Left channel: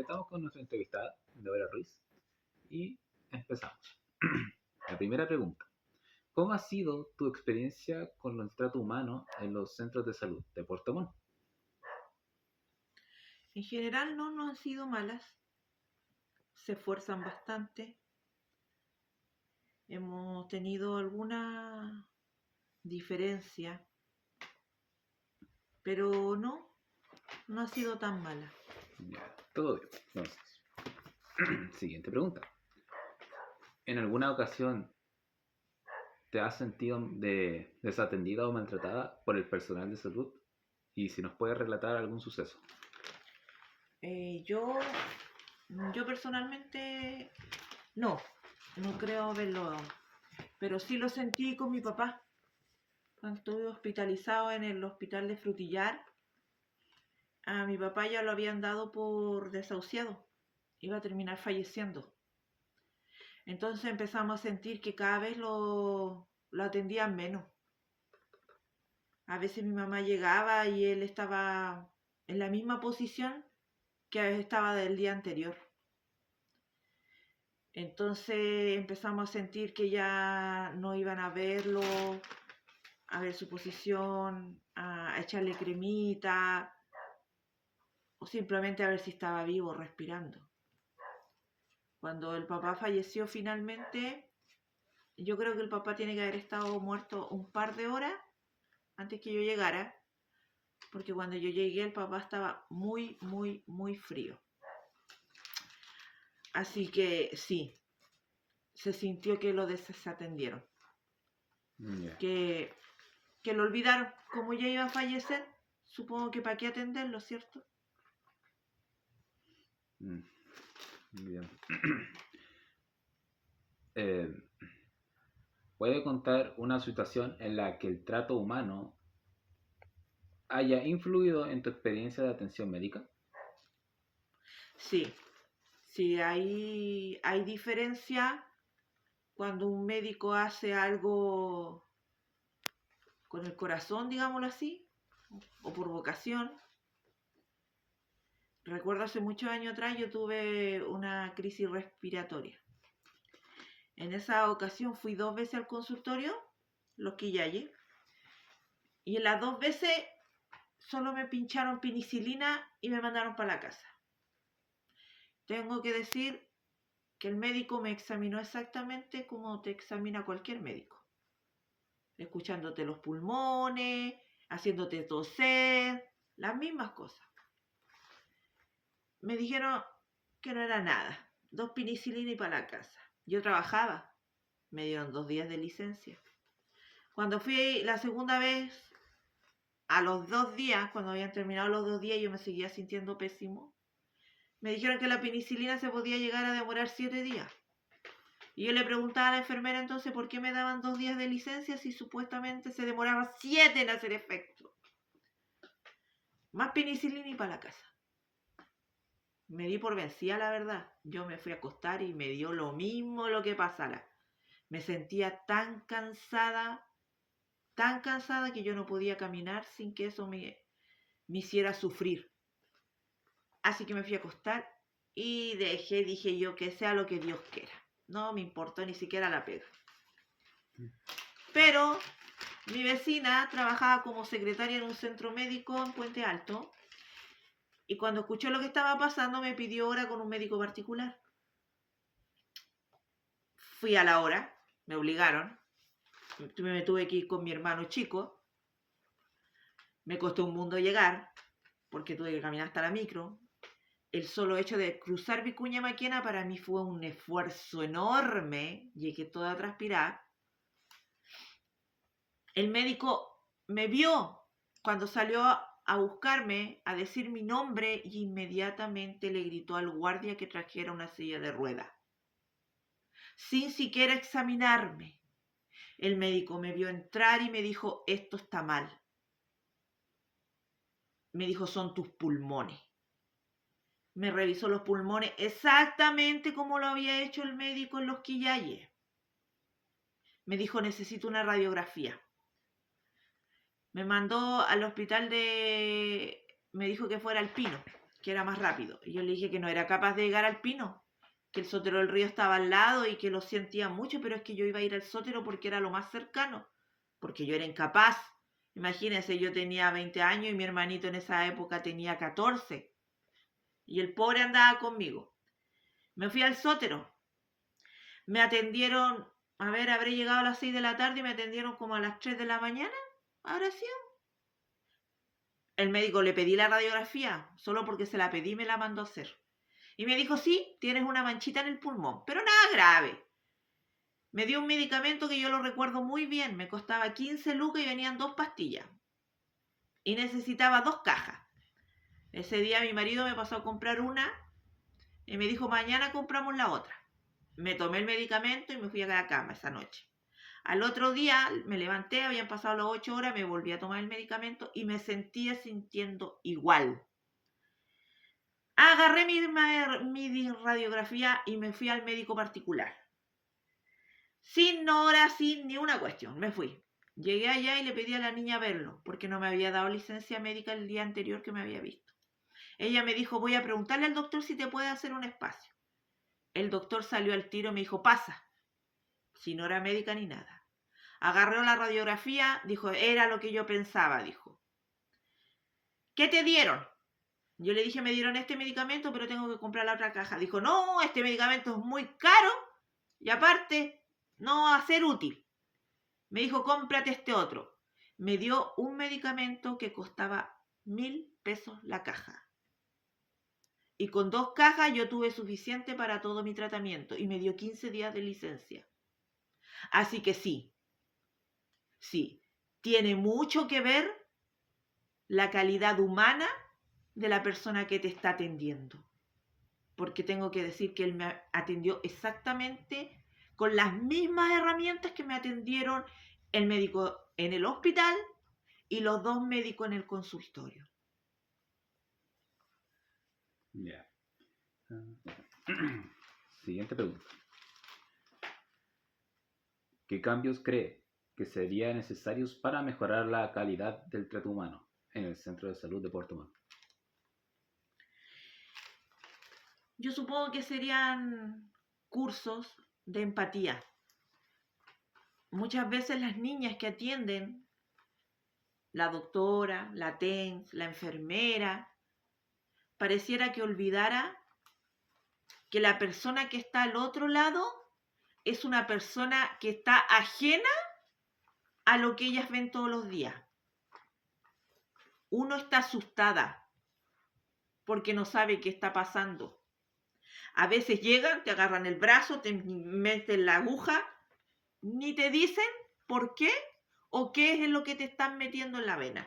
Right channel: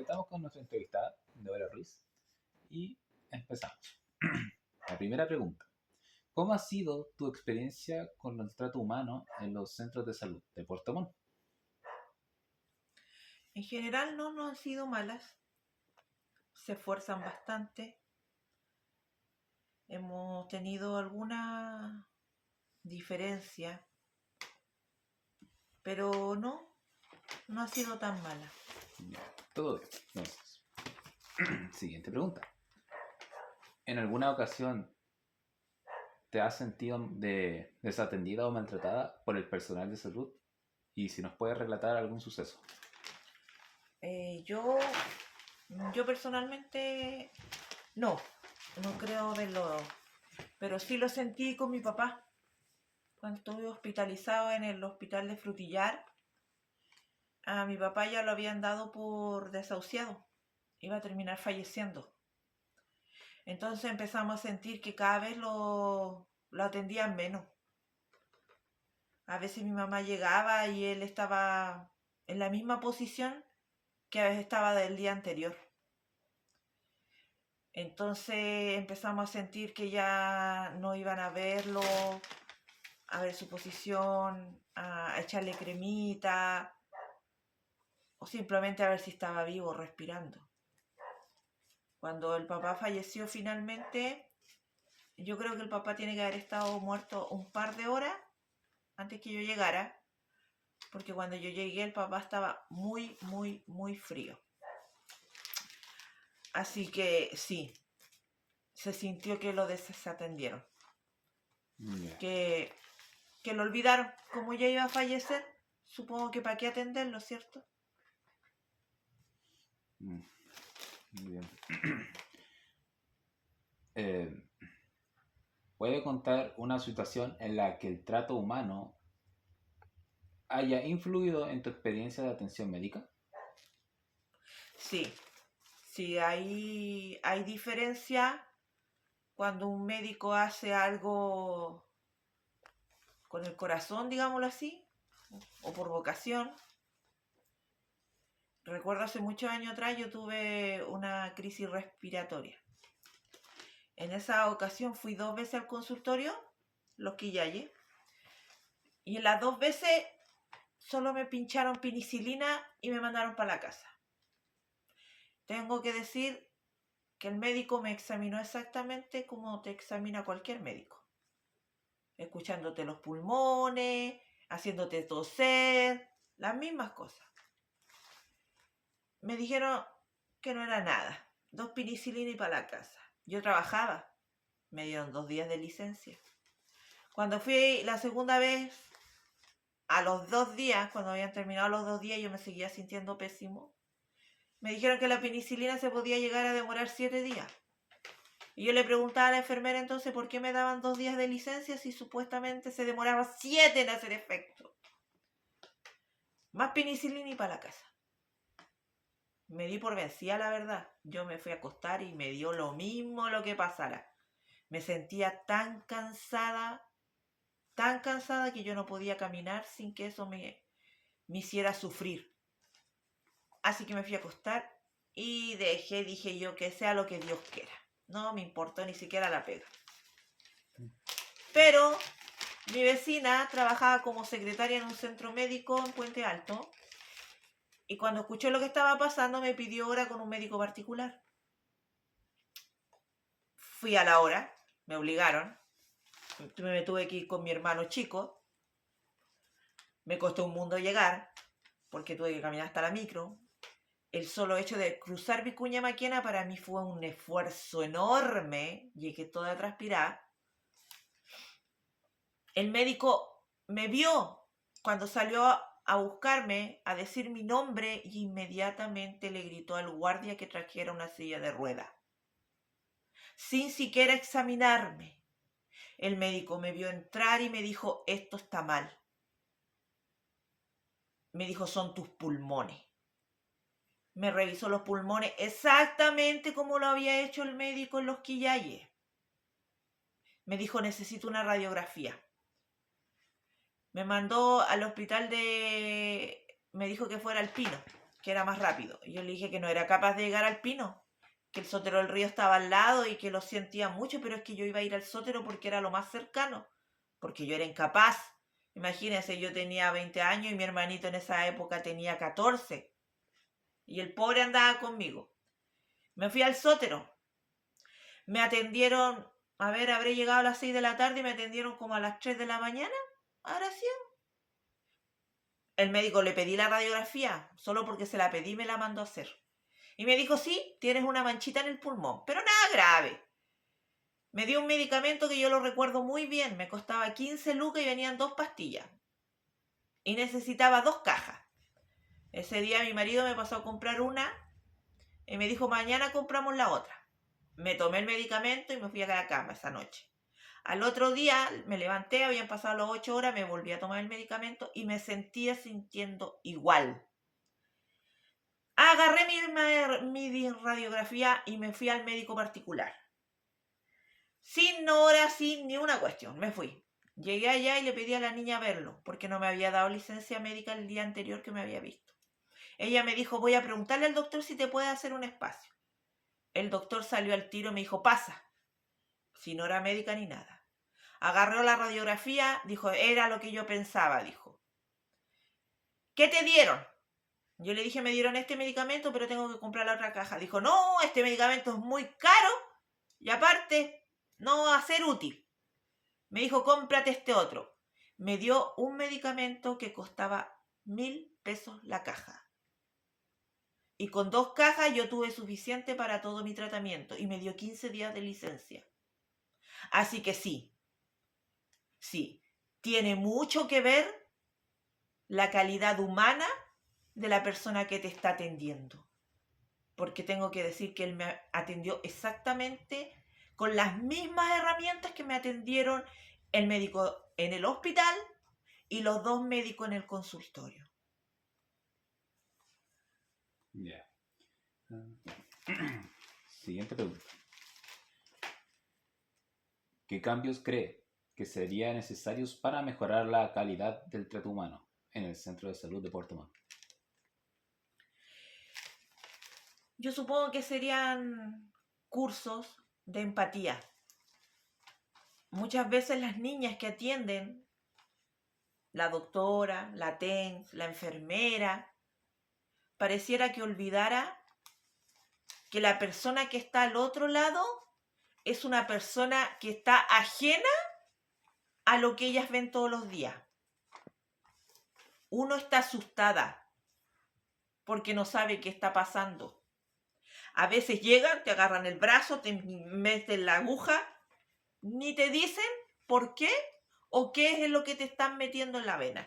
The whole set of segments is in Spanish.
aquí estamos con nuestra entrevistada, Deborah Ruiz, y empezamos. La primera pregunta. ¿Cómo ha sido tu experiencia con el trato humano en los centros de salud de Puerto Montt? En general no han sido malas, se esfuerzan bastante. Hemos tenido alguna diferencia, pero no ha sido tan mala. Todo bien. Entonces, siguiente pregunta. ¿En alguna ocasión te has sentido desatendida o maltratada por el personal de salud? Y si nos puedes relatar algún suceso. Yo personalmente no creo haberlo, pero sí lo sentí con mi papá. Cuando estuve hospitalizado en el hospital de Frutillar, a mi papá ya lo habían dado por desahuciado, iba a terminar falleciendo. Entonces empezamos a sentir que cada vez lo atendían menos. A veces mi mamá llegaba y él estaba en la misma posición que a veces estaba del día anterior. Entonces empezamos a sentir que ya no iban a verlo, a ver su posición, a echarle cremita o simplemente a ver si estaba vivo, respirando. Cuando el papá falleció finalmente, yo creo que el papá tiene que haber estado muerto un par de horas antes que yo llegara, porque cuando yo llegué el papá estaba muy, muy, muy frío. Así que sí, se sintió que lo desatendieron. Yeah. Que lo olvidaron. Como ya iba a fallecer, supongo que para qué atenderlo, ¿cierto? Bien. ¿Puede contar una situación en la que el trato humano haya influido en tu experiencia de atención médica? Sí, hay diferencia cuando un médico hace algo con el corazón, digámoslo así, o por vocación. Recuerdo hace muchos años atrás yo tuve una crisis respiratoria. En esa ocasión fui 2 veces al consultorio, Los Quillayes, y en las 2 veces solo me pincharon penicilina y me mandaron para la casa. Tengo que decir que el médico me examinó exactamente como te examina cualquier médico. Escuchándote los pulmones, haciéndote toser, las mismas cosas. Me dijeron que no era nada, 2 penicilinas y para la casa. Yo trabajaba, me dieron 2 días de licencia. Cuando fui la segunda vez, a los 2 días, cuando habían terminado los 2 días, yo me seguía sintiendo pésimo. Me dijeron que la penicilina se podía llegar a demorar 7 días. Y yo le preguntaba a la enfermera entonces por qué me daban 2 días de licencia si supuestamente se demoraba 7 en hacer efecto. Más penicilina y para la casa. Me di por vencida, la verdad. Yo me fui a acostar y me dio lo mismo lo que pasara. Me sentía tan cansada que yo no podía caminar sin que eso me hiciera sufrir. Así que me fui a acostar y dije yo, que sea lo que Dios quiera. No me importó ni siquiera la pega. Pero mi vecina trabajaba como secretaria en un centro médico en Puente Alto y cuando escuchó lo que estaba pasando me pidió hora con un médico particular. Fui a la hora, me obligaron, me tuve que ir con mi hermano chico, me costó un mundo llegar porque tuve que caminar hasta la micro. El solo hecho de cruzar Vicuña Maquena para mí fue un esfuerzo enorme, llegué toda a transpirar. El médico me vio cuando salió a buscarme, a decir mi nombre y inmediatamente le gritó al guardia que trajera una silla de ruedas. Sin siquiera examinarme. El médico me vio entrar y me dijo, esto está mal. Me dijo, son tus pulmones. Me revisó los pulmones exactamente como lo había hecho el médico en Los Quillayes. Me dijo, necesito una radiografía. Me mandó al hospital me dijo que fuera al Pino. que era más rápido. Y yo le dije que no era capaz de llegar al Pino, que el Sotero del Río estaba al lado y que lo sentía mucho, pero es que yo iba a ir al Sotero porque era lo más cercano, porque yo era incapaz. Imagínense, yo tenía 20 años y mi hermanito en esa época tenía 14. Y el pobre andaba conmigo. Me fui al Sotero. Me atendieron, a ver, habré llegado a las 6 de la tarde y me atendieron como a las 3 de la mañana. Ahora sí. El médico le pedí la radiografía, solo porque se la pedí me la mandó a hacer. Y me dijo, sí, tienes una manchita en el pulmón, pero nada grave. Me dio un medicamento que yo lo recuerdo muy bien, me costaba 15 lucas y venían 2 pastillas. Y necesitaba 2 cajas. Ese día mi marido me pasó a comprar una y me dijo, mañana compramos la otra. Me tomé el medicamento y me fui a la cama esa noche. Al otro día me levanté, habían pasado las 8 horas, me volví a tomar el medicamento y me sentía sintiendo igual. Agarré mi radiografía y me fui al médico particular. Sin hora, sin ni una cuestión, me fui. Llegué allá y le pedí a la niña verlo, porque no me había dado licencia médica el día anterior que me había visto. Ella me dijo, voy a preguntarle al doctor si te puede hacer un espacio. El doctor salió al tiro y me dijo, pasa, sin hora médica ni nada. Agarró la radiografía, dijo, era lo que yo pensaba, dijo. ¿Qué te dieron? Yo le dije, me dieron este medicamento, pero tengo que comprar la otra caja. Dijo, no, este medicamento es muy caro y aparte no va a ser útil. Me dijo, cómprate este otro. Me dio un medicamento que costaba 1.000 pesos la caja. Y con 2 cajas yo tuve suficiente para todo mi tratamiento y me dio 15 días de licencia. Así que sí, tiene mucho que ver la calidad humana de la persona que te está atendiendo. Porque tengo que decir que él me atendió exactamente con las mismas herramientas que me atendieron el médico en el hospital y los 2 médicos en el consultorio. Ya. Siguiente pregunta. ¿Qué cambios cree que serían necesarios para mejorar la calidad del trato humano en el Centro de Salud de Puerto Montt? Yo supongo que serían cursos de empatía. Muchas veces las niñas que atienden, la doctora, la TENS, la enfermera, pareciera que olvidara que la persona que está al otro lado es una persona que está ajena a lo que ellas ven todos los días. Uno está asustada porque no sabe qué está pasando. A veces llegan, te agarran el brazo, te meten la aguja, ni te dicen por qué o qué es lo que te están metiendo en la vena.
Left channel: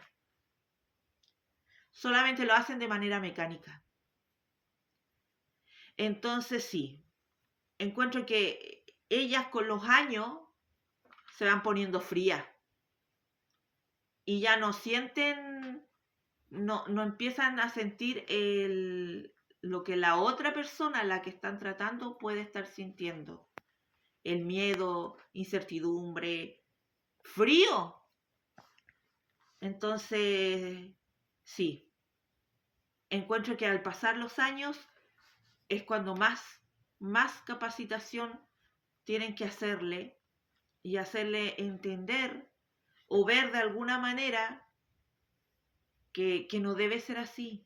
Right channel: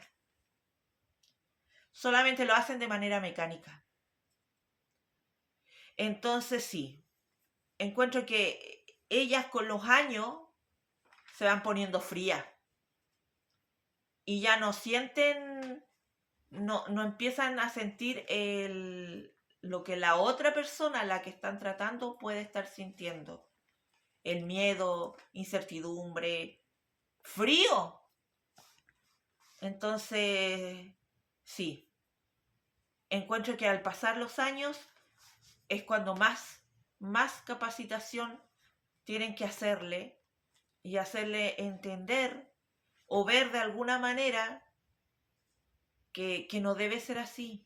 Solamente lo hacen de manera mecánica. Entonces sí, encuentro que ellas con los años se van poniendo frías y ya no sienten, no empiezan a sentir lo que la otra persona, la que están tratando, puede estar sintiendo. El miedo, incertidumbre, frío. Entonces, sí, encuentro que al pasar los años es cuando más capacitación tienen que hacerle y hacerle entender o ver de alguna manera que no debe ser así.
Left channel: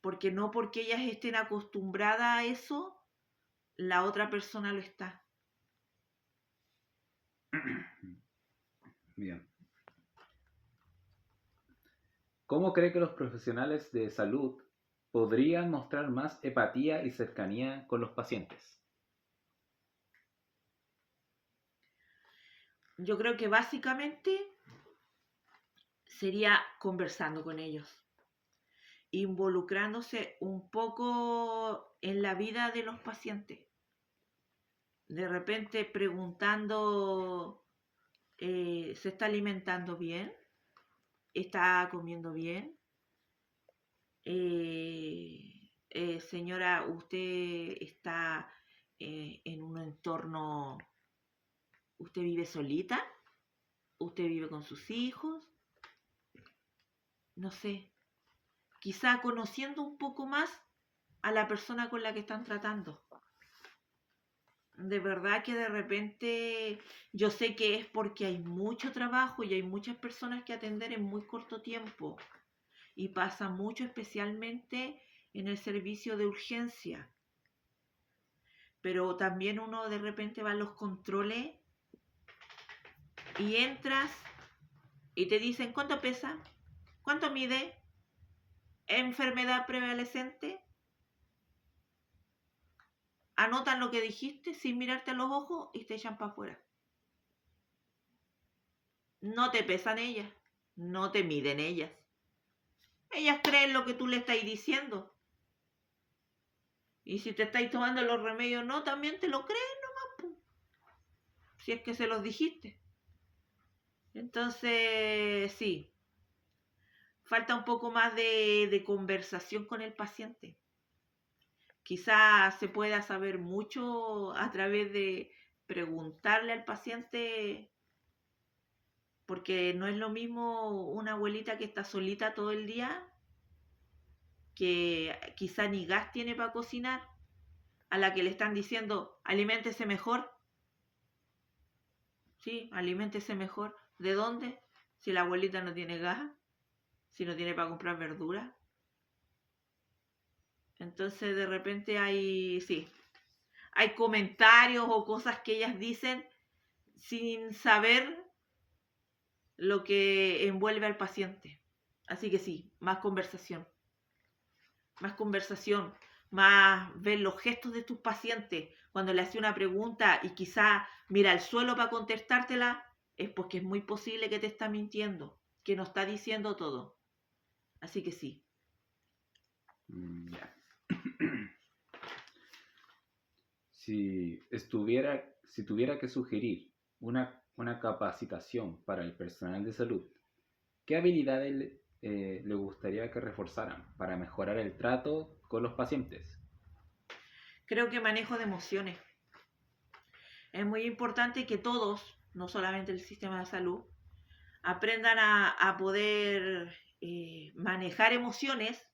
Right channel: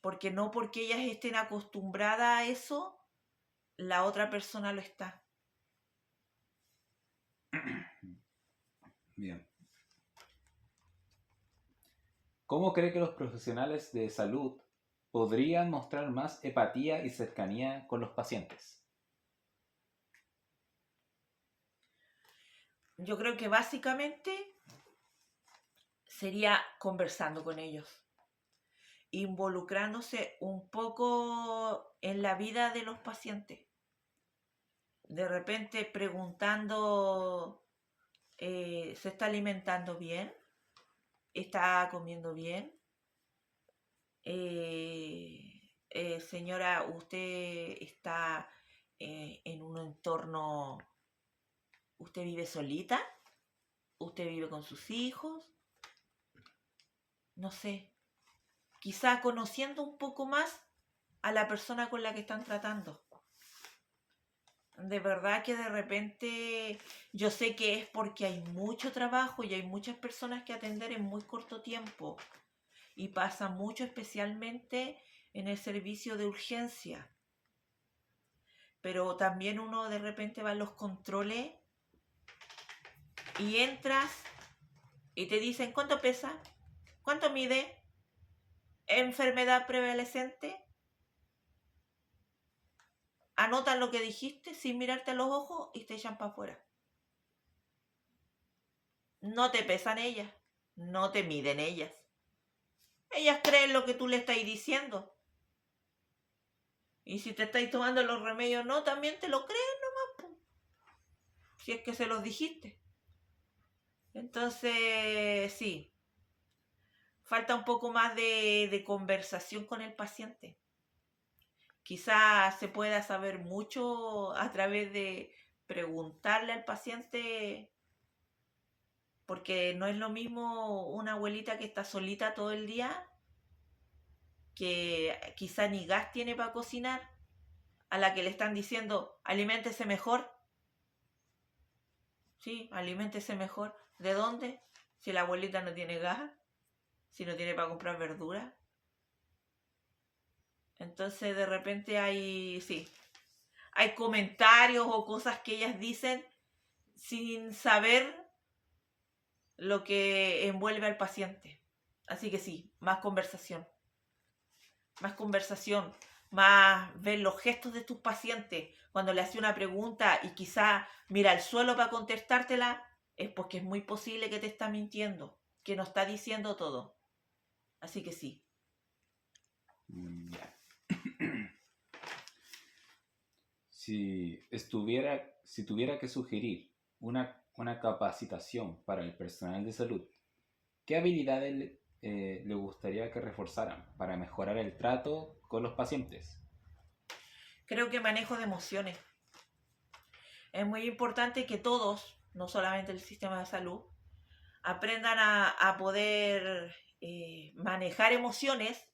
Porque no porque ellas estén acostumbradas a eso, la otra persona lo está. Bien. ¿Cómo cree que los profesionales de salud podrían mostrar más empatía y cercanía con los pacientes? Yo creo que básicamente sería conversando con ellos, involucrándose un poco en la vida de los pacientes. De repente preguntando, ¿se está alimentando bien? ¿Está comiendo bien? Señora, ¿usted está en un entorno, usted vive solita? ¿Usted vive con sus hijos? No sé. quizá conociendo un poco más a la persona con la que están tratando. De verdad que de repente yo sé que es porque hay mucho trabajo y hay muchas personas que atender en muy corto tiempo. Y pasa mucho especialmente en el servicio de urgencia. Pero también uno de repente va a los controles y entras y te dicen cuánto pesa, cuánto mide, enfermedad prevalecente. Anotan lo que dijiste sin mirarte a los ojos y te echan para afuera. No te pesan ellas, no te miden ellas. Ellas creen lo que tú le estás diciendo. Y si te estáis tomando los remedios, no, también te lo creen nomás, po. Si es que se los dijiste. Entonces, sí, falta un poco más de conversación con el paciente. Quizás se pueda saber mucho a través de preguntarle al paciente, porque no es lo mismo una abuelita que está solita todo el día, que quizá ni gas tiene para cocinar, a la que le están diciendo, aliméntese mejor. Sí, aliméntese mejor. ¿De dónde? Si la abuelita no tiene gas, si no tiene para comprar verduras. Entonces de repente hay comentarios o cosas que ellas dicen sin saber lo que envuelve al paciente. Así que sí, más conversación, más ver los gestos de tus pacientes. Cuando le hace una pregunta y quizá mira al suelo para contestártela, es porque es muy posible que te está mintiendo, que no está diciendo todo. Así que sí. Ya. Si tuviera que sugerir una capacitación para el personal de salud, ¿qué habilidades le gustaría que reforzaran para mejorar el trato con los pacientes? Creo que manejo de emociones. Es muy importante que todos, no solamente el sistema de salud, aprendan a poder manejar emociones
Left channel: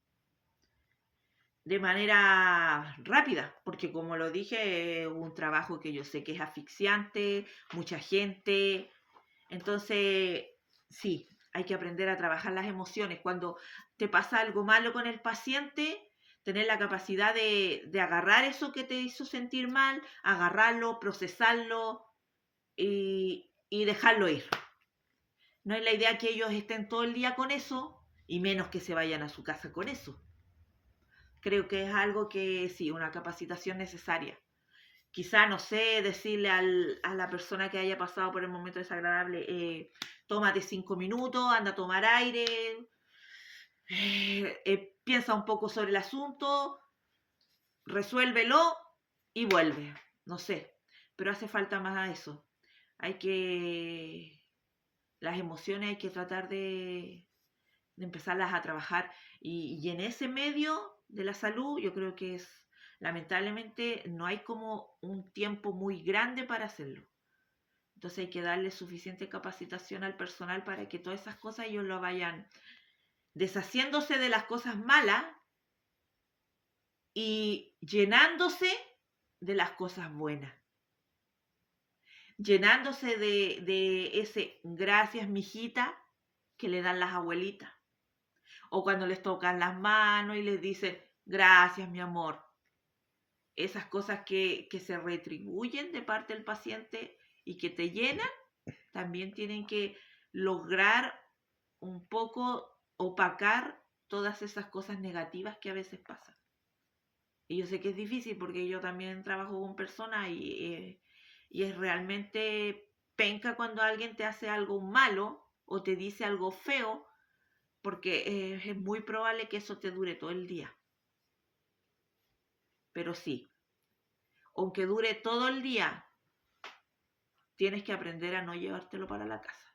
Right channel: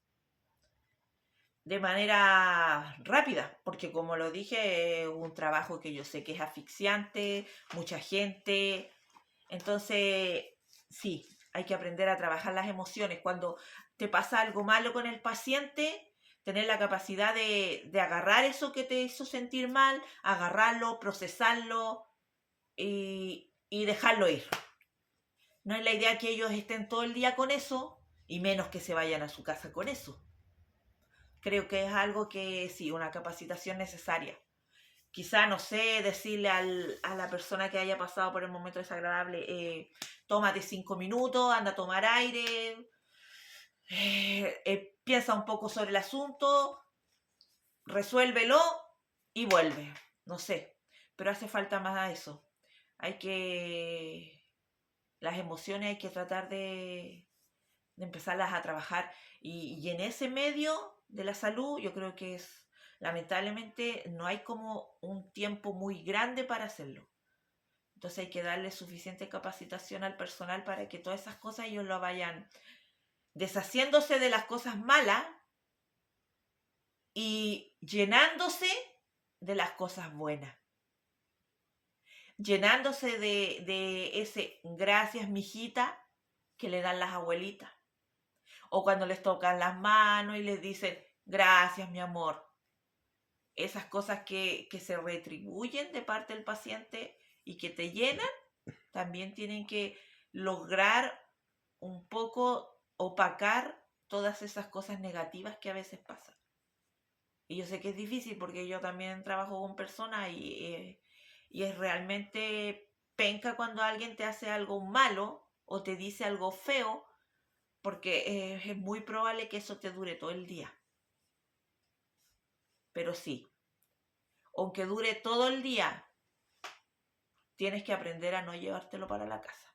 de manera rápida, porque como lo dije, es un trabajo que yo sé que es asfixiante, mucha gente. Entonces, sí, hay que aprender a trabajar las emociones. Cuando te pasa algo malo con el paciente, tener la capacidad de agarrar eso que te hizo sentir mal, agarrarlo, procesarlo y dejarlo ir. No es la idea que ellos estén todo el día con eso y menos que se vayan a su casa con eso. Creo que es algo que sí, una capacitación necesaria. Quizá, no sé, decirle a la persona que haya pasado por el momento desagradable, tómate 5 minutos, anda a tomar aire, piensa un poco sobre el asunto, resuélvelo y vuelve. No sé, pero hace falta más a eso. Las emociones hay que tratar de empezarlas a trabajar. Y en ese medio de la salud, yo creo que lamentablemente, no hay como un tiempo muy grande para hacerlo. Entonces hay que darle suficiente capacitación al personal para que todas esas cosas ellos lo vayan deshaciéndose de las cosas malas y llenándose de las cosas buenas. Llenándose de ese gracias, mijita, que le dan las abuelitas. O cuando les tocan las manos y les dicen, gracias, mi amor. Esas cosas que se retribuyen de parte del paciente y que te llenan, también tienen que lograr un poco opacar todas esas cosas negativas que a veces pasan. Y yo sé que es difícil porque yo también trabajo con personas y es realmente penca cuando alguien te hace algo malo o te dice algo feo, porque es muy probable que eso te dure todo el día. Pero sí, aunque dure todo el día, tienes que aprender a no llevártelo para la casa.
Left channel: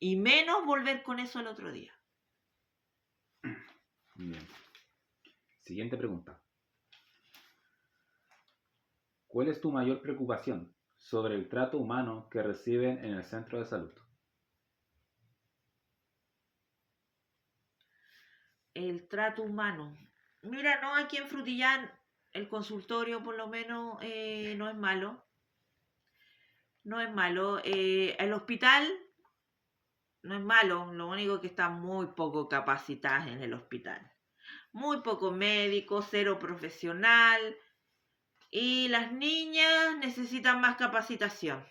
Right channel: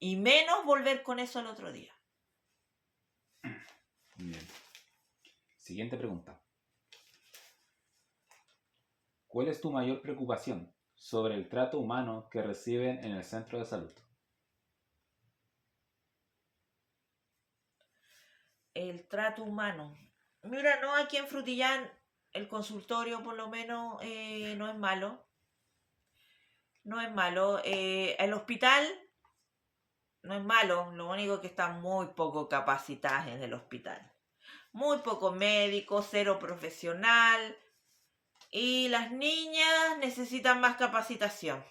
Y menos volver con eso el otro día. Bien. Siguiente pregunta. ¿Cuál es tu mayor preocupación sobre el trato humano que reciben en el centro de salud? el trato humano. Mira, no, aquí en Frutillar el consultorio por lo menos no es malo. No es malo. El hospital no es malo. Lo único que está muy poco capacitadas en el hospital. Muy poco médico, cero profesional. Y las niñas necesitan más capacitación.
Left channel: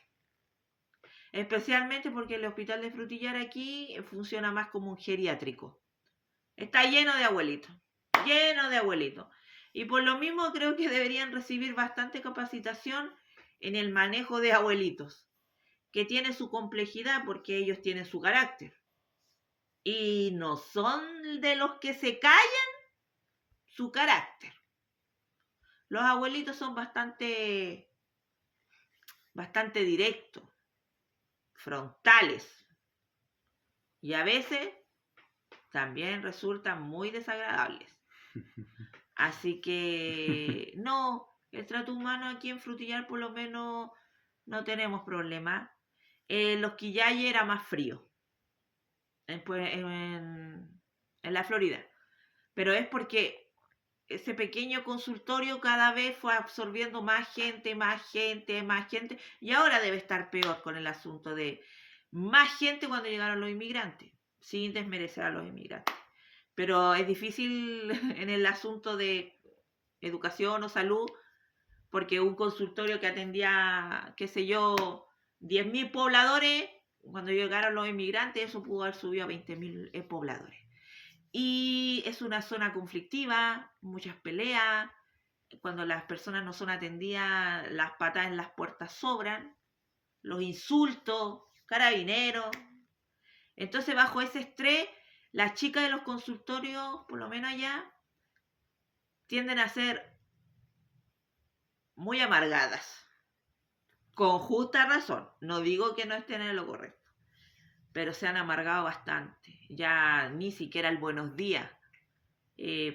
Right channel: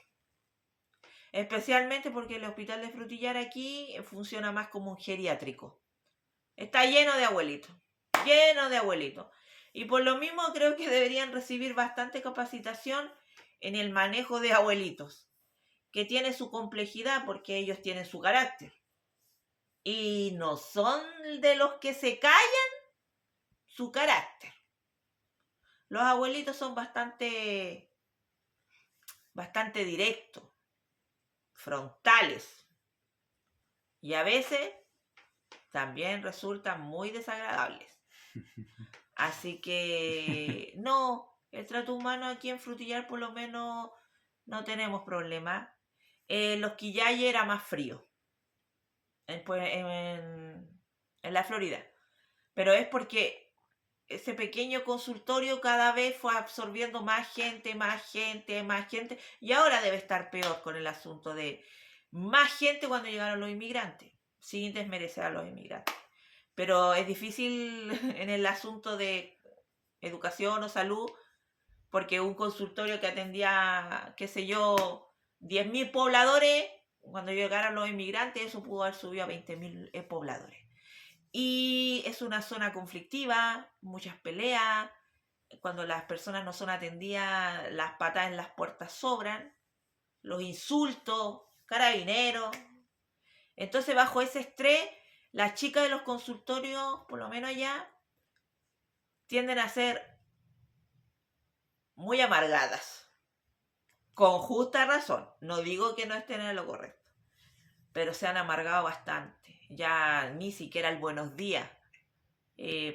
Especialmente porque el hospital de Frutillar aquí funciona más como un geriátrico. Está lleno de abuelitos. Lleno de abuelitos. Y por lo mismo creo que deberían recibir bastante capacitación en el manejo de abuelitos, que tiene su complejidad porque ellos tienen su carácter. Y no son de los que se callan su carácter. Los abuelitos son bastante directos, frontales. Y a veces también resultan muy desagradables. Así que no, el trato humano aquí en Frutillar por lo menos no tenemos problema. Los Quillay era más frío en la Florida. Pero es porque ese pequeño consultorio cada vez fue absorbiendo más gente. Y ahora debe estar peor con el asunto de más gente cuando llegaron los inmigrantes, sin desmerecer a los inmigrantes. Pero es difícil en el asunto de educación o salud, porque un consultorio que atendía, qué sé yo, 10.000 pobladores, cuando llegaron los inmigrantes, eso pudo haber subido a 20.000 pobladores. Y es una zona conflictiva, muchas peleas, cuando las personas no son atendidas, las patas en las puertas sobran, los insultos, carabineros. Entonces, bajo ese estrés, las chicas de los consultorios, por lo menos ya, tienden a ser muy amargadas. Con justa razón. No digo que no estén en lo correcto, pero se han amargado bastante. Ya ni siquiera el buenos días.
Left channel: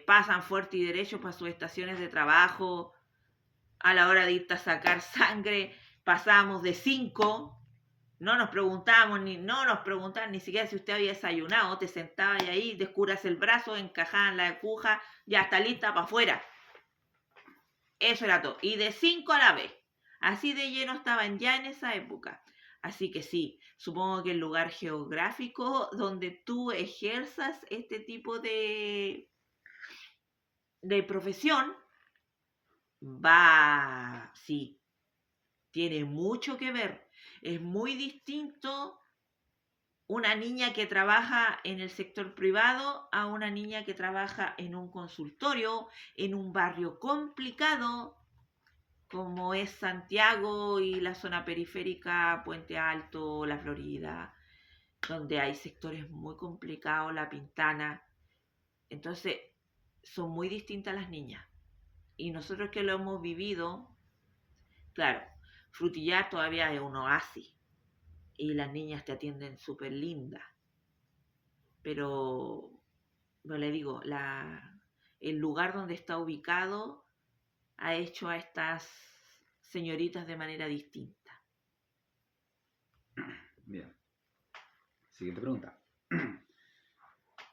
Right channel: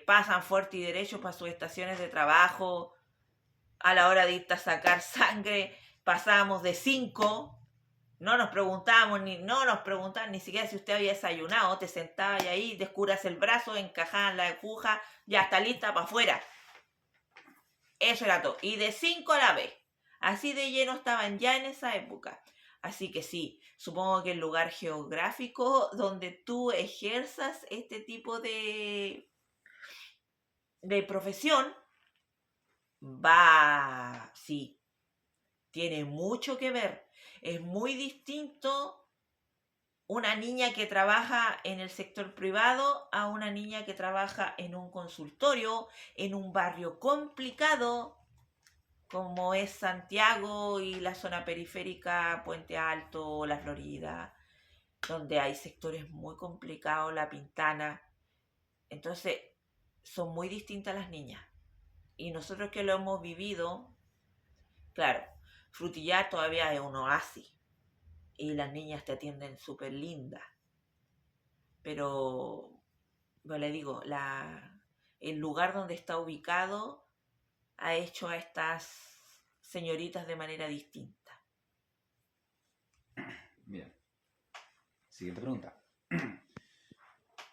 Pasan fuerte y derecho para sus estaciones de trabajo. A la hora de irte a sacar sangre, pasábamos de 5. No nos preguntábamos ni siquiera si usted había desayunado. Te sentabas y ahí, descubras el brazo, encajaban la aguja, ya está lista para afuera. Eso era todo. Y de 5 a la vez. Así de lleno estaban ya en esa época. Así que sí, supongo que el lugar geográfico donde tú ejerzas este tipo de profesión sí, tiene mucho que ver. Es muy distinto una niña que trabaja en el sector privado a una niña que trabaja en un consultorio, en un barrio complicado, como es Santiago y la zona periférica, Puente Alto, La Florida, donde hay sectores muy complicados, La Pintana. Entonces, son muy distintas las niñas. Y nosotros que lo hemos vivido, claro, Frutillar todavía es un oasis. Y las niñas te atienden súper lindas. Pero, no le digo, el lugar donde está ubicado ha hecho a estas señoritas de manera distinta. Bien. Siguiente pregunta.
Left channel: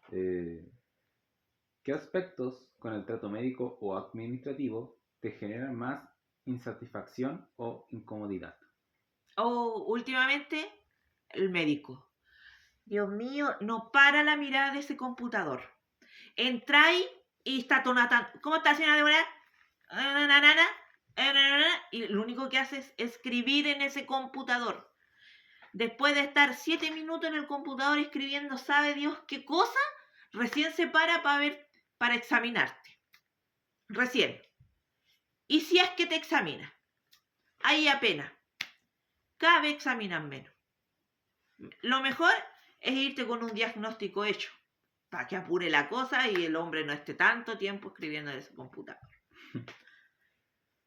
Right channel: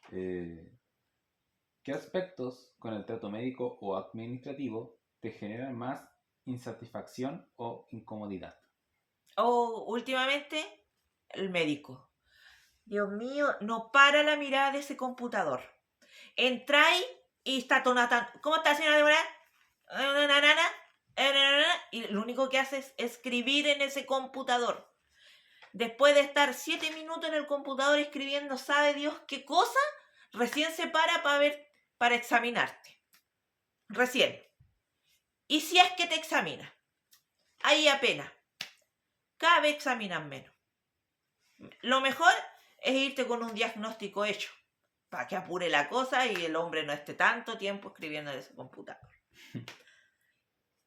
¿Qué aspectos con el trato médico o administrativo te generan más insatisfacción o incomodidad? Últimamente, el médico. Dios mío, no para la mirada de ese computador. Entráis y está tonata. ¿Cómo está, señora Deborah? Y lo único que hace es escribir en ese computador. Después de estar 7 minutos en el computador escribiendo, sabe Dios qué cosa, recién se para examinarte. Recién. Y si es que te examina, ahí apenas. Cada vez examinan menos. Lo mejor es irte con un diagnóstico hecho, para que apure la cosa y el hombre no esté tanto tiempo escribiendo en ese computador.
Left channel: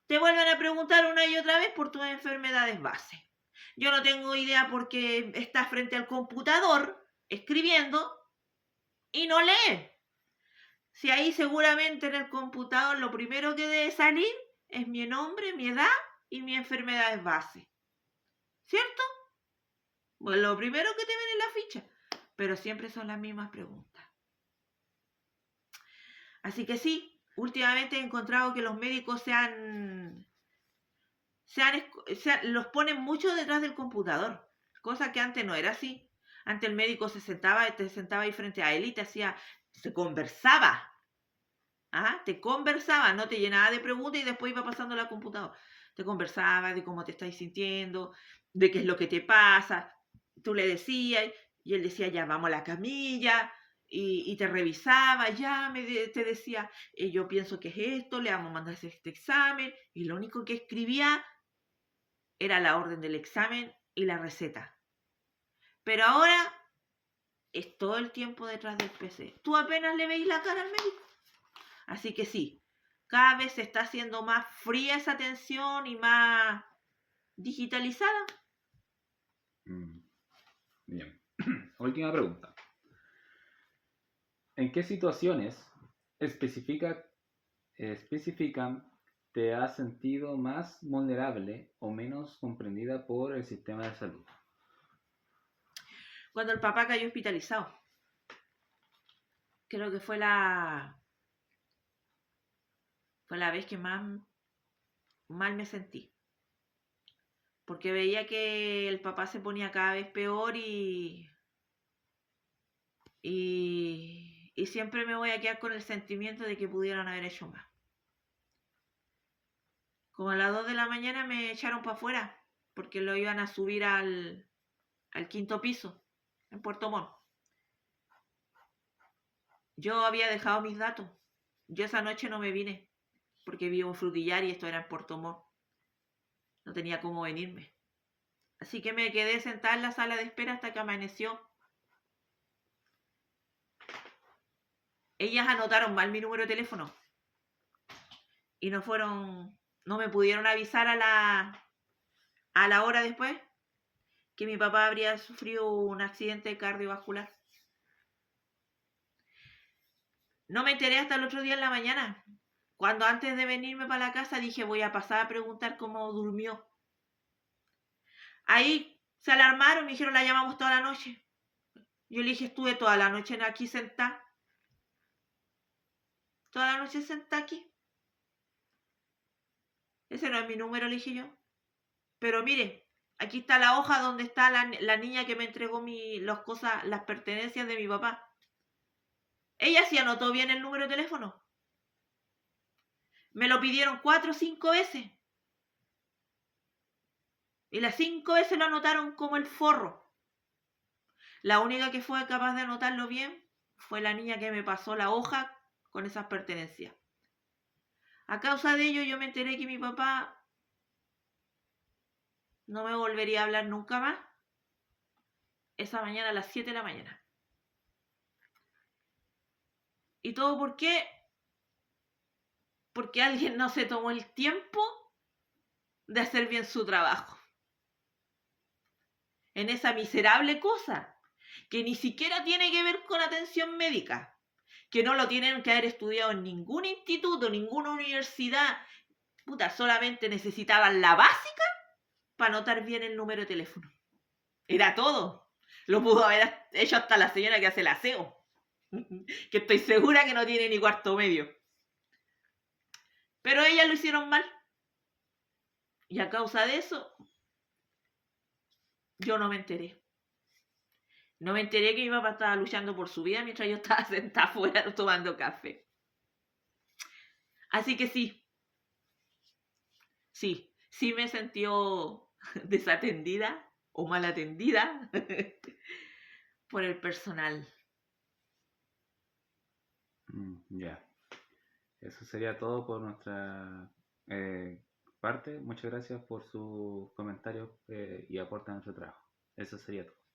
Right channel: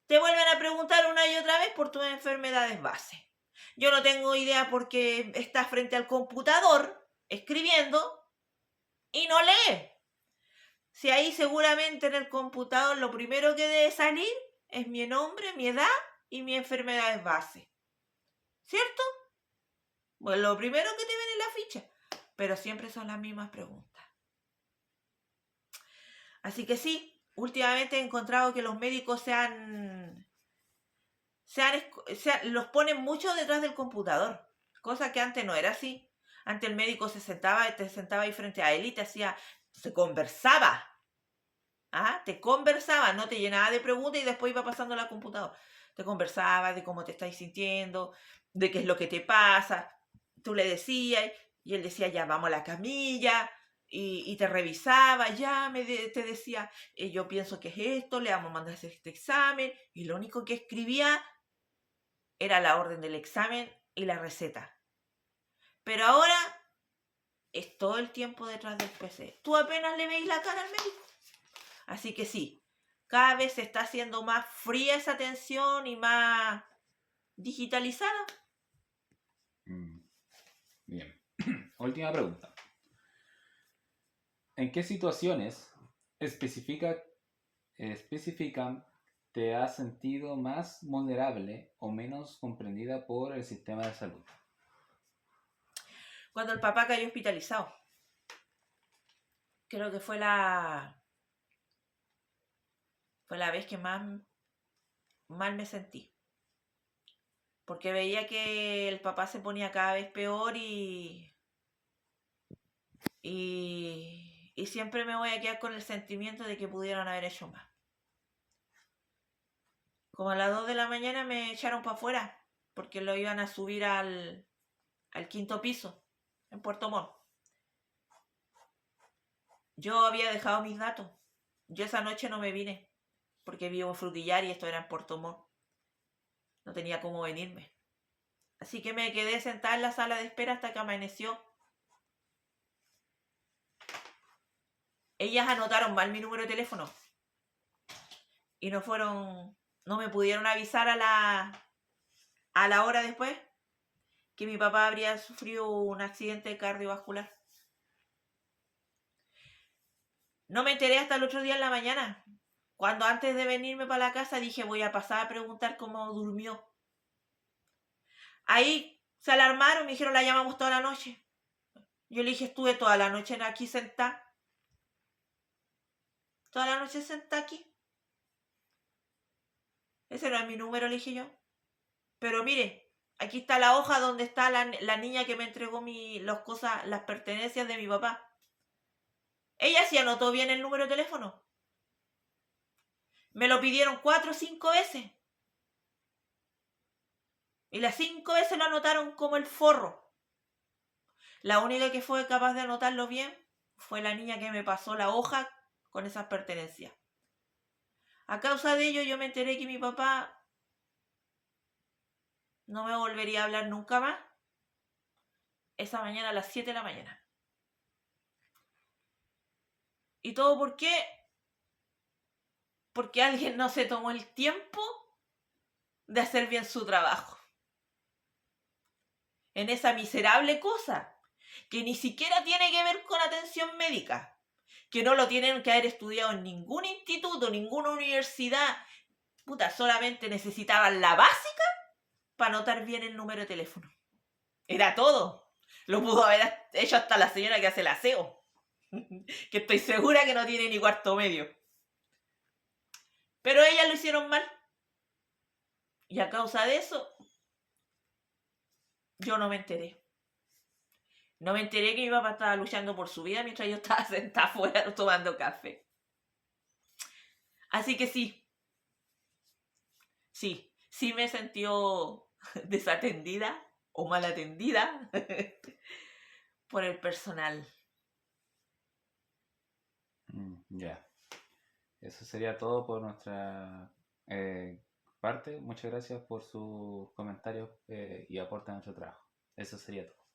Te vuelven a preguntar una y otra vez por tus enfermedades base. Yo no tengo idea porque estás frente al computador escribiendo y no lee. Si ahí seguramente en el computador lo primero que debe salir es mi nombre, mi edad y mi enfermedades base. ¿Cierto? Pues lo primero que te ven en la ficha. Pero siempre son las mismas preguntas. Así que sí, últimamente he encontrado que los médicos los ponen mucho detrás del computador, cosa que antes no era así. Antes el médico te sentaba ahí frente a él y se conversaba. ¿Ah? Te conversaba, no te llenaba de preguntas y después iba pasando a la computadora. Te conversaba de cómo te estás sintiendo, de qué es lo que te pasa. Tú le decías y él decía, ya vamos a la camilla, y te revisaba, te decía, yo pienso que es esto, le vamos a mandar este examen, y lo único que escribía era la orden del examen y la receta. Pero ahora es todo el tiempo detrás del PC. Tú apenas le veis la cara al médico. Así que sí, cada vez se está haciendo más fría esa atención y más digitalizada. Bien. Última pregunta. ¿En qué situaciones especifican te has sentido más vulnerable o menos comprendida por el sistema de salud? Cuando el papá cayó hospitalizado. Creo que fue la vez que más mal me sentí. Porque veía que el papá se ponía cada vez peor y siempre me voy a quedar con el sentimiento de que pudieran haber hecho más. Como a las 2 de la mañana me echaron para afuera porque lo iban a subir al 5.º piso en Puerto Montt. Yo había dejado mis datos. Yo esa noche no me vine porque vivo en Frutillar y esto era en Puerto Montt. No tenía cómo venirme. Así que me quedé sentada en la sala de espera hasta que amaneció. Ellas anotaron mal mi número de teléfono y no me pudieron avisar a la hora después que mi papá habría sufrido un accidente cardiovascular. No me enteré hasta el otro día en la mañana, cuando antes de venirme para la casa dije voy a pasar a preguntar cómo durmió. Ahí se alarmaron, me dijeron la llamamos toda la noche. Yo le dije estuve toda la noche aquí sentada. Toda la noche sentada aquí. Ese no es mi número, le dije yo. Pero mire, aquí está la hoja donde está la niña que me entregó las pertenencias de mi papá. Ella sí anotó bien el número de teléfono. Me lo pidieron 4 o 5 veces. Y las 5 veces lo anotaron como el forro. La única que fue capaz de anotarlo bien fue la niña que me pasó la hoja con esas pertenencias. A causa de ello yo me enteré que mi papá no me volvería a hablar nunca más. Esa mañana a las 7 de la mañana. ¿Y todo por qué? Porque alguien no se tomó el tiempo de hacer bien su trabajo. En esa miserable cosa que ni siquiera tiene que ver con atención médica, que no lo tienen que haber estudiado en ningún instituto, ninguna universidad. Puta, solamente necesitaban la básica para anotar bien el número de teléfono. Era todo. Lo pudo haber hecho hasta la señora que hace el aseo, que estoy segura que no tiene ni cuarto medio. Pero ellas lo hicieron mal. Y a causa de eso, yo no me enteré. No me enteré que mi papá estaba luchando por su vida mientras yo estaba sentada afuera tomando café. Así que sí me sentió desatendida o mal atendida por el personal. Ya. Eso sería todo por nuestra parte. Muchas gracias por sus comentarios y aporte a nuestro trabajo. Eso sería todo.